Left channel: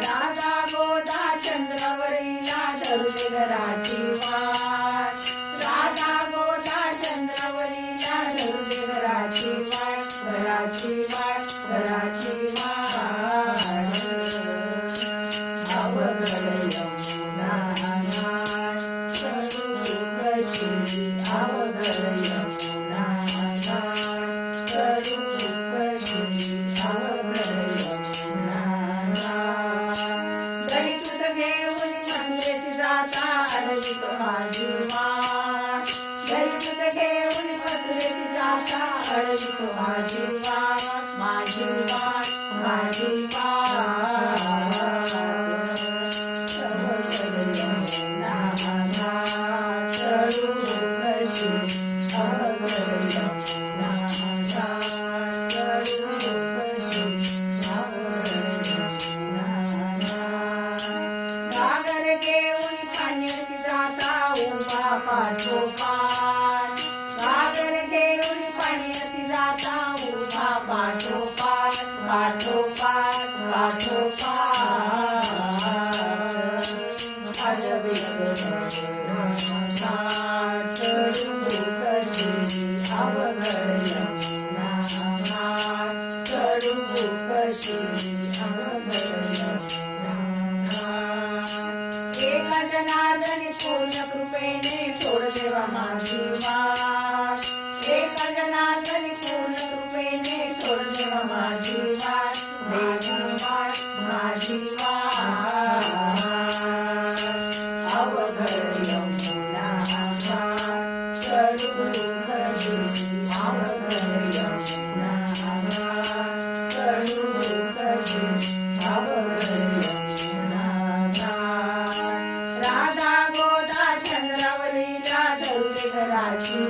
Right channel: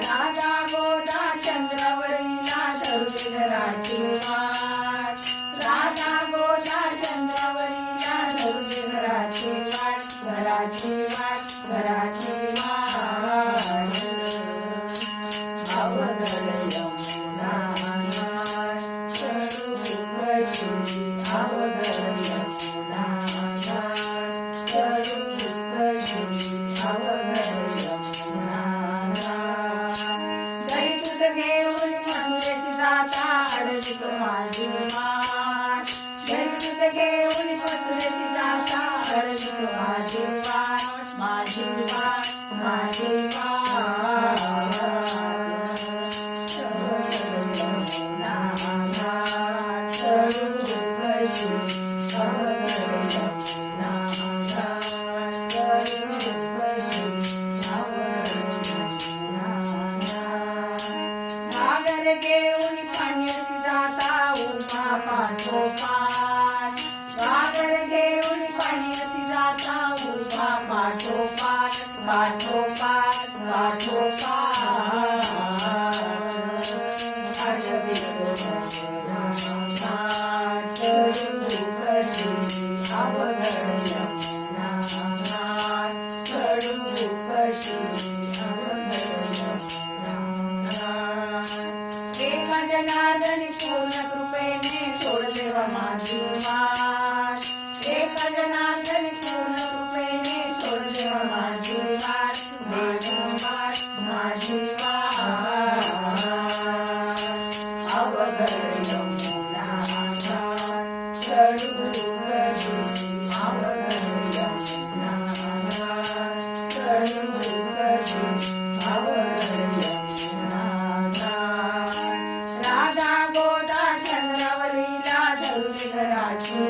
राजा गोदा चंद्रावरीला धरुले घराची वाट, राजा गोदा चंद्रावरीला धरुले घराची वाट, घराची वाट, घराची वाट. अवघड यमुना करू कशी, अवघड यमुना करू कशी, अवघड यमुना. दैतूत घेऊन मथुरेची जाता अडवित माझी वाट, दैतूत घेऊन मथुरेची जाता अडवित माझी वाट, माझी वाट, माझी वाट. अवघड यमुना करू कशी, अवघड यमुना करू कशी, अवघड यमुना. घागर घेऊन पाण्याची जाता उभा पाठोपाठ, घागर घेऊन पाण्याची जाता उभा पाठोपाठ, पाठोपाठ, पाठोपाठ. अडवित यमुना करू कशी, अवघड यमुना करू कशी, अवघड यमुना. एका जनार्दनी पूर्ण कृपेने सोड देवा माझी वाट, एका जनार्दनी पूर्ण कृपेने सोड देवा माझी वाट, देवा वाट, माझी वाट. अवघड यमुना करू कशी, अवघड यमुना करू कशी, अवघड यमुना. राजा गोदा चंद्रावरीला धरुले घराची